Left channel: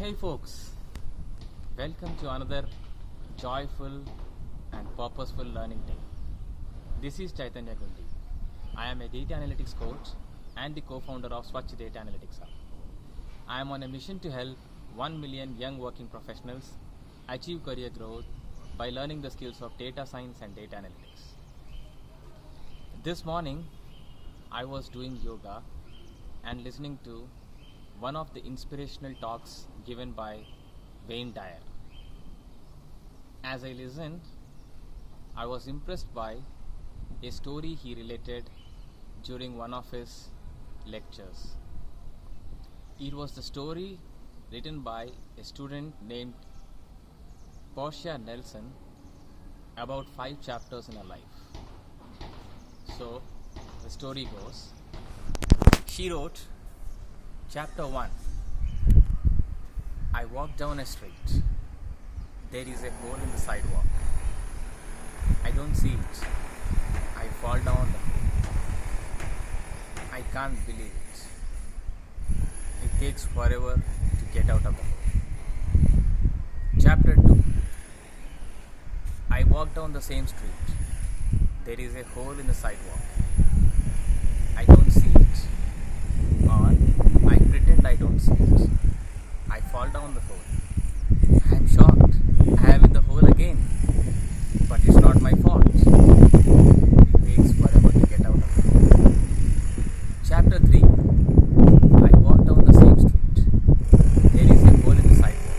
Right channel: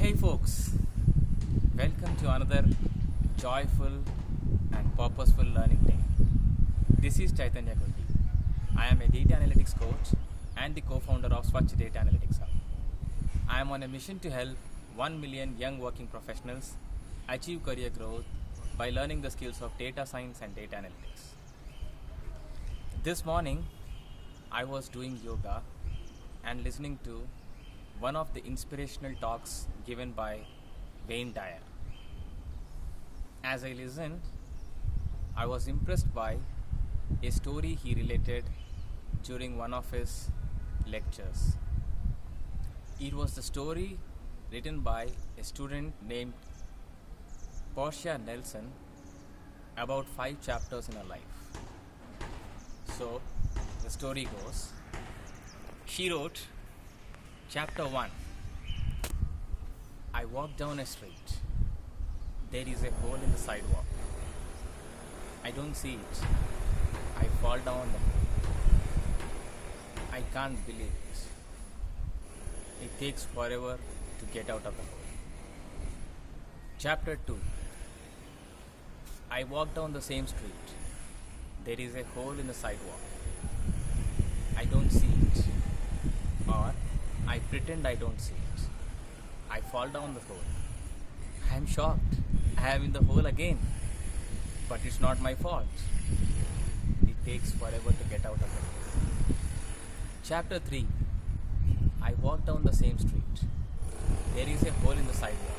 Hey folks, welcome to another joyful and purposeful learning day. This is Chaitanya Gundi. I am a data analytics coach and the co-founder of Swachh Data Analytics Hub. I am on a mission to help 1 million young working professionals achieve career growth by learning the skills of data science and data analytics. This morning, I was doing yoga and listening to one of the inspirational talks given by Wayne Dyer. As I listened, I was impressed by a story he related during one of his lectures. It was the story written by a student named Portia Nelson about 5 chapters in her life. So, the story goes, she wrote, Chapter 1. I walk down a street. There is a hole in the sidewalk. I don't see it. I fall down the hole. I can't believe it. It takes forever to get out of the hole. Chapter 2. I walk down the same street. There is a hole in the sidewalk. I don't see it. Or I pretend I don't see it. I fall down the hole. I am shocked. I am in the hole again. But it's not my fault. It takes forever to get out of the hole. Chapter 3. I walk down the same street. There is a hole in the sidewalk.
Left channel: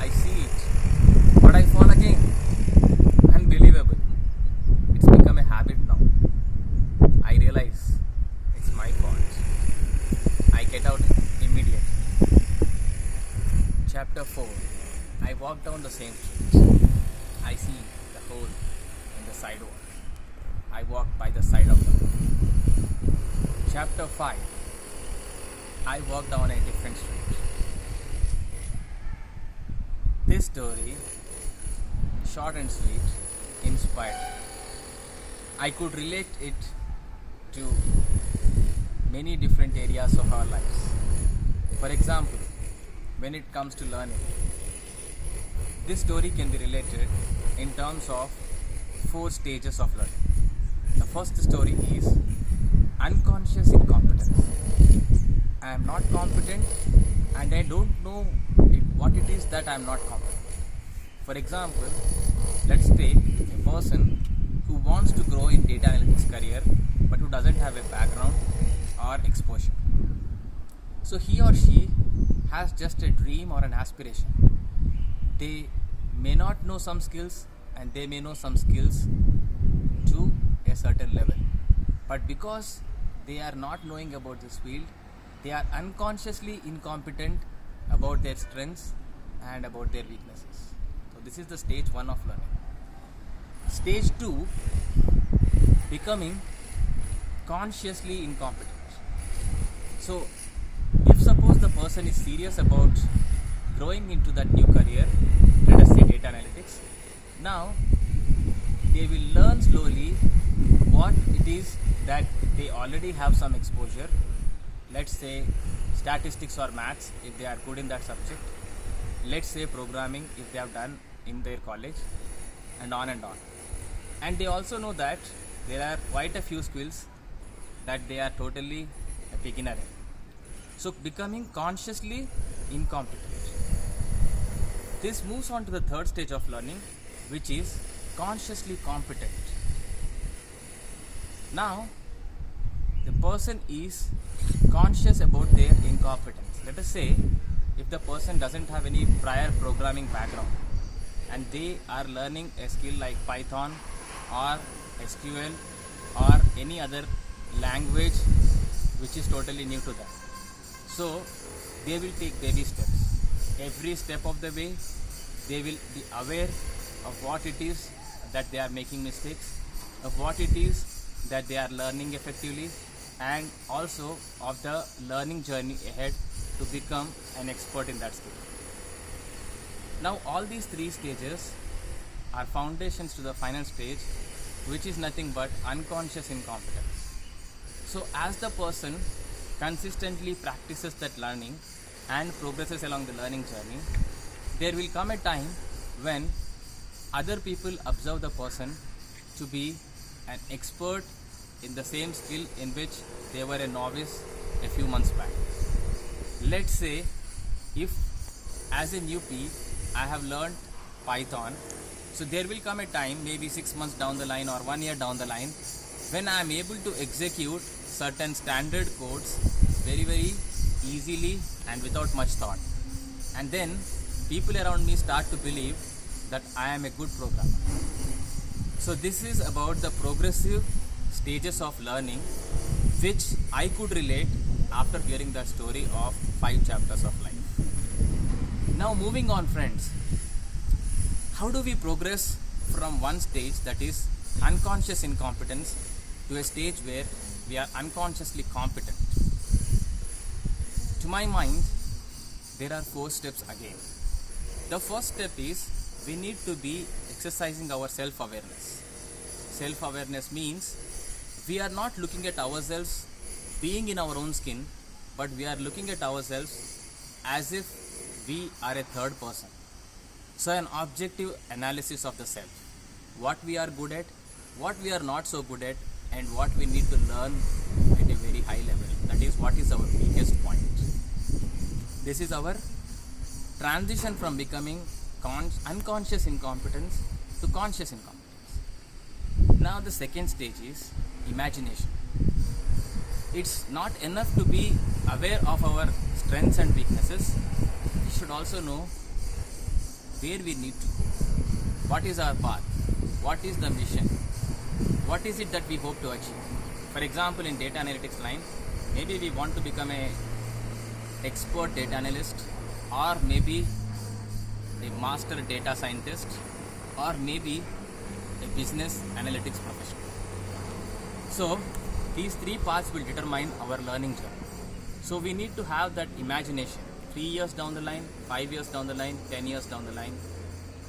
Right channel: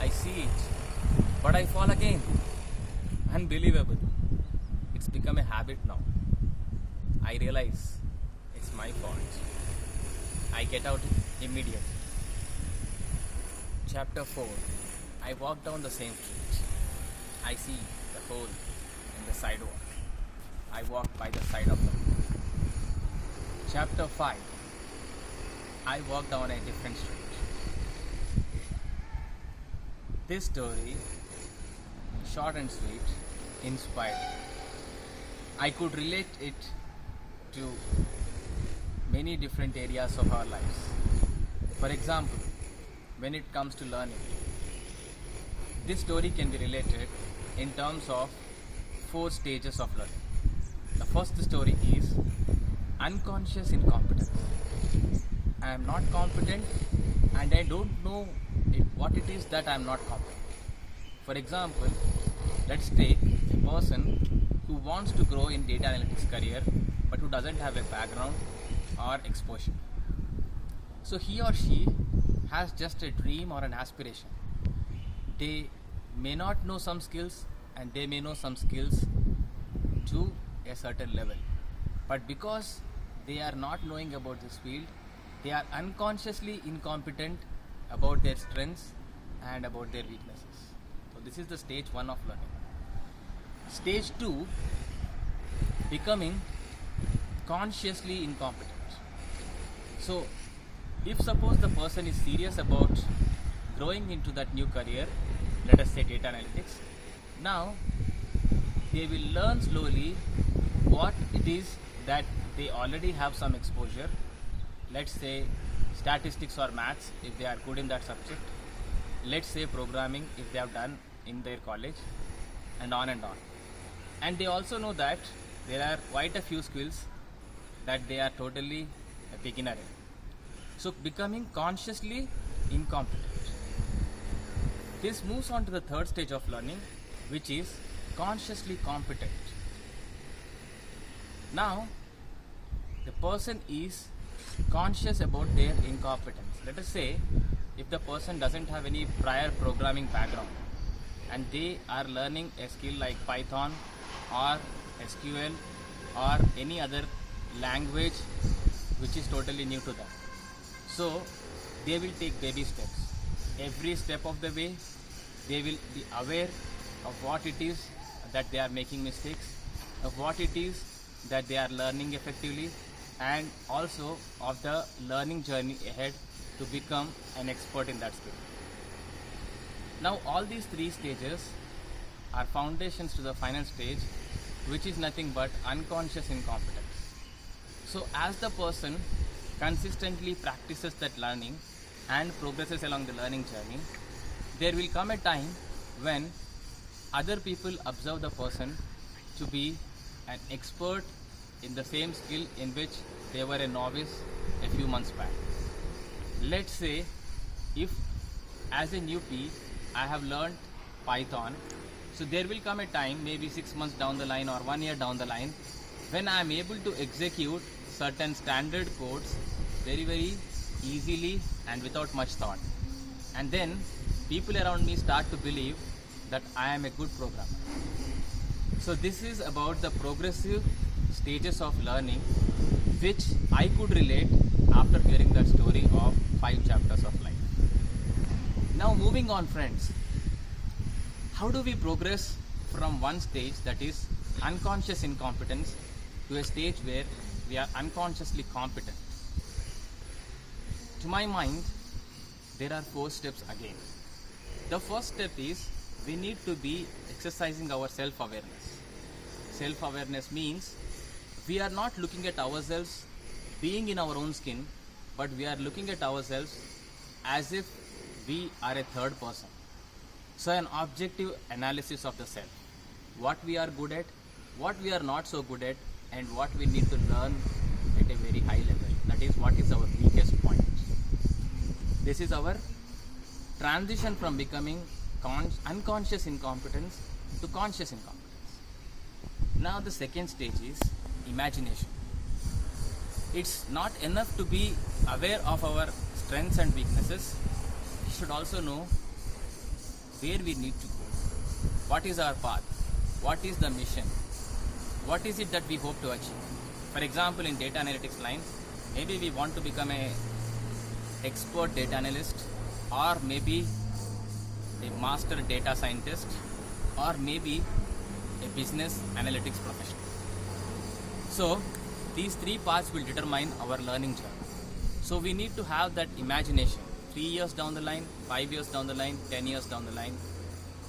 I see it. But I fall again. Unbelievable. It's become a habit now. I realize it's my fault. I get out immediately. Chapter 4. I walk down the same street. I see the hole in the sidewalk. I walk by the side of the hole. Chapter 5. I walk down a different street. This story, short and sweet, inspired me. I could relate it to many different areas of our lives. For example, when it comes to learning, this story can be related in terms of 4 stages of learning. The first story is unconscious incompetence. I am not competent and I don't know what it is that I am not competent. For example, let's take a person who wants to grow in data analytics career but who doesn't have a background or exposure. So he or she has just a dream or an aspiration. They may not know some skills and they may know some skills to a certain level. But because they are not knowing about this field, they are unconsciously incompetent about their strengths and about their weaknesses. So this is the stage 1 of learning. Stage 2, becoming consciously incompetent. So, if suppose the person is serious about growing into that new career, let us say data analytics, now they will learn slowly what it is that they already have some exposure. Let's say statistics or maths if they are good in that subject. Let's say programming if they have done in their college, and on and on. And they also know that there are quite a few skills that they are totally a beginner in. So becoming consciously incompetent. This moves on to the 3rd stage of learning, which is consciously competent. Now, the person is conscious about their incompetence. Let us say if the person doesn't have any prior programming background and they are learning a skill like Python or SQL or any other language which is totally new to them. So they will take baby steps. Every step of the way they will be aware of what it is that they are making mistakes, of what it is that they are learning effectively, and also of the learning journey ahead to become an expert in that skill. Now all these 3 stages are foundations to the final stage, which is nothing but unconscious incompetence. So as the person consistently practices that learning and progresses along the learning journey, there will come a time when other people observe the person to be an expert in the same skill in which they were a novice a few months back. Let's say if as a newbie I have learned Python, so there will come a time, maybe 6 months down the line or 1 year down the line, when I am able to execute certain standard codes very easily and without much thought. And then people around me start to believe that I am a good programmer. So this is about the progressive stages of learning which I could relate after hearing that story of 5 chapters of life. Now moving on, friends, how do we progress from one stage, that is unconscious incompetence, to a stage where we are unconsciously competent? To my mind, there are 4 steps again. The first step is we need to be exercising our self-awareness. Self-awareness means we are not looking at ourselves being in our own skin, but we are looking at ourselves as if we are a third person. So an objective analysis of the self. What we are good at, what we are not so good at, and what we need to learn at a very high level. That is, what is our weakest point. This is our transition from becoming unconscious incompetence to conscious incompetence. Now the second stage is imagination. It's not enough to be aware of our strengths and weaknesses. We should also know where we need to go. What is our path? What is the mission? What is it that we hope to achieve? For example, in data analytics line, maybe we want to become a expert data analyst, or maybe a master data scientist, or maybe a business analytics professional. So these 3 paths will determine our learning journey. So we need to have that imagination 3 years down the line, 5 years down the line, 10 years down the line,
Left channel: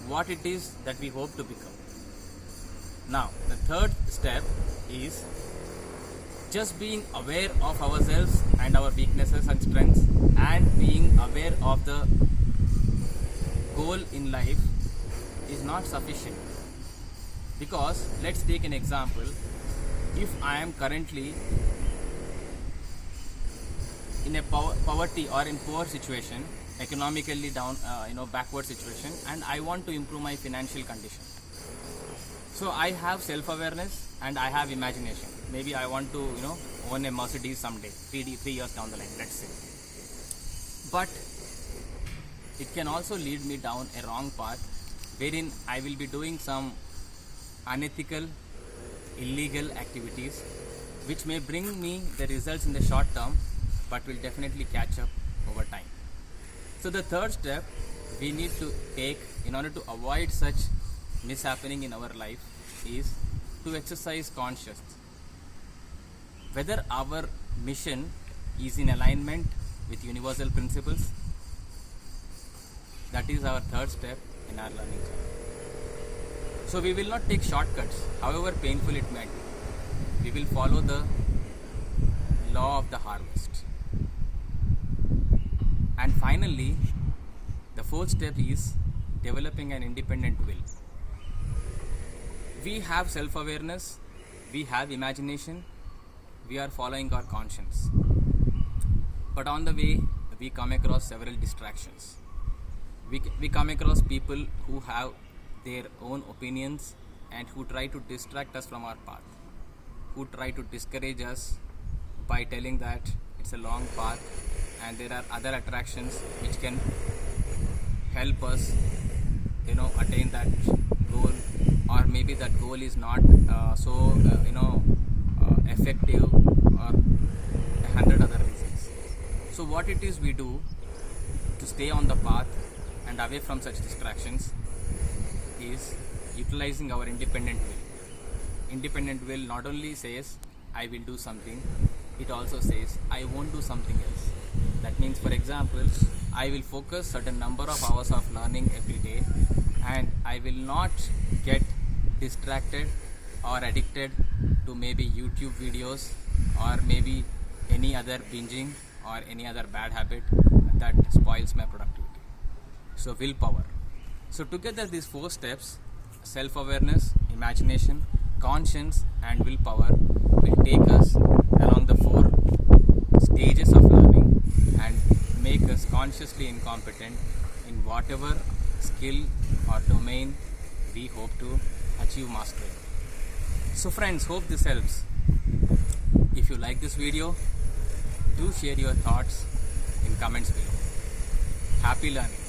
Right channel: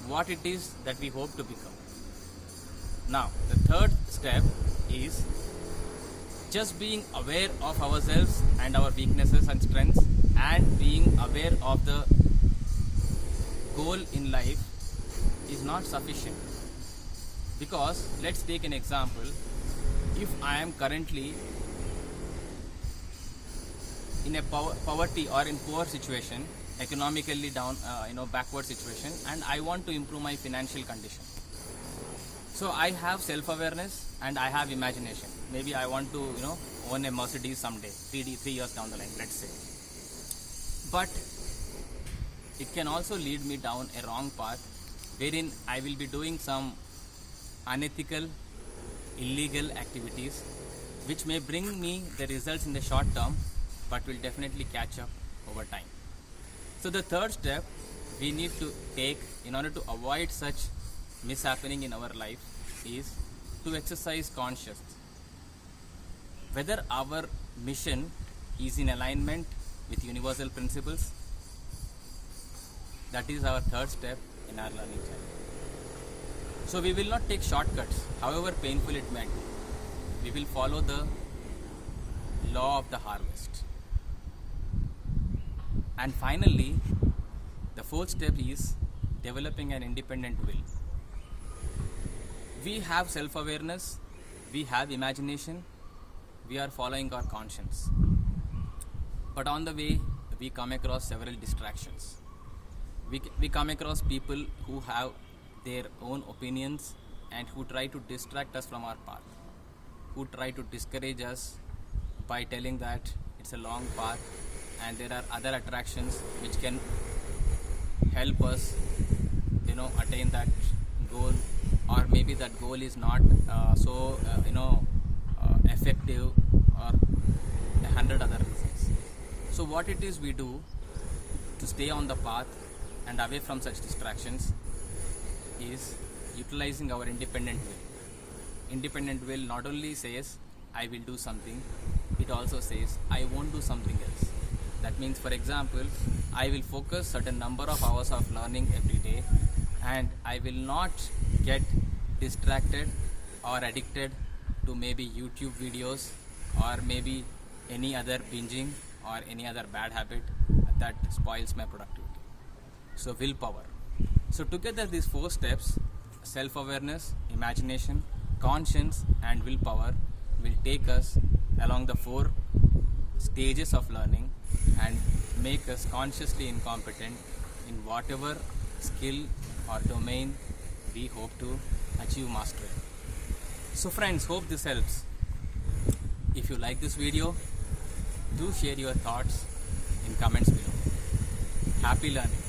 what it is that we hope to become. Now the third step is just being aware of ourselves and our weaknesses and strengths, and being aware of the goal in life is not sufficient. Because let's take an example. If I am currently in a poverty or in poor situation, economically down, backward situation, and I want to improve my financial condition. So I have self-awareness and I have imagination. Maybe I want to, own a Mercedes someday, 3 years down the line, let's say. But it can also lead me down a wrong path, wherein I will be doing some unethical, illegal activities, which may bring me the results in the short term, but will definitely catch up over time. So the third step we need to take in order to avoid such mishappening in our life is to exercise consciousness. Whether our mission is in alignment with universal principles, that is our third step in our learning journey. So we will not take shortcuts, however painful it may be. We will follow the law of the harvest. And finally, the fourth step is developing an independent will. We have self-awareness, we have imagination, we are following our conscience. But on the way, we come across several distractions. We come across people who have their own opinions and who try to distract us from our path, who try to discourage us by telling that it's a long path and there are other attractions which can help us attain that goal, or maybe that goal is not effective, or 100 other reasons. So what it is we do to stay on the path and away from such distractions is utilizing our independent will. Independent will not only says I will do something, it also says I won't do something else. That means, for example, I will focus certain number of hours of learning every day, and I will not get distracted or addicted to maybe YouTube videos or maybe any other binging or any other bad habit. that spoils my productivity. So willpower. So together these 4 steps, self-awareness, imagination, conscience and willpower, will take us along the 4 stages of learning and make us consciously incompetent in whatever skill or domain we hope to achieve mastery. So friends, hope this helps. If you like this video, do share your thoughts in comments below. Happy learning.